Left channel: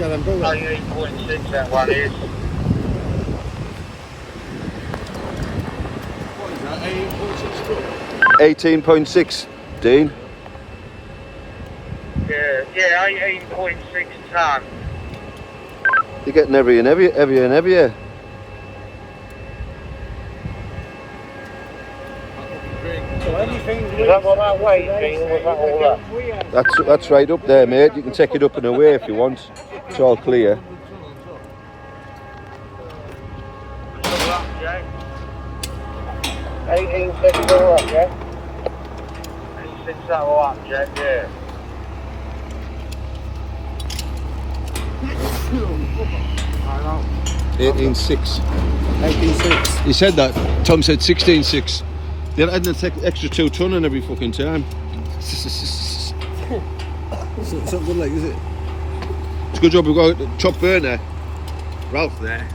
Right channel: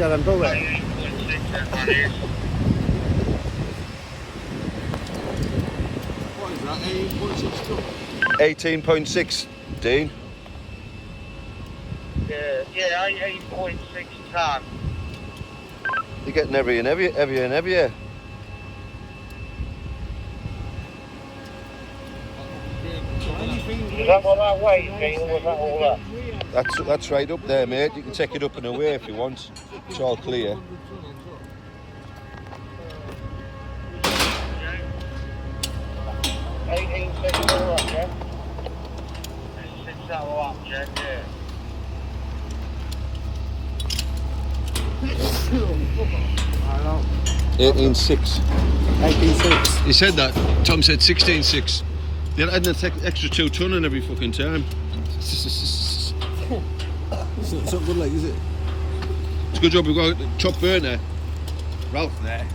bigger than bullet. 18.6 that one is. What is that, 18.6 too? 18.6, Dean. Yeah, 18.6 tonne. You're getting heavier and heavier. So anything we That's right up there, mate. You can take it up and away if you want. It's all clear. 18.6 all up, yeah? 18.6 that all up, yeah, yeah. 18.6. 18.6. He said that. Tom said 16.6. They're adding an extra 2 tonne in every fucking time. It's not good, like, is it? It's a good job we've got a top burner. Ralph there.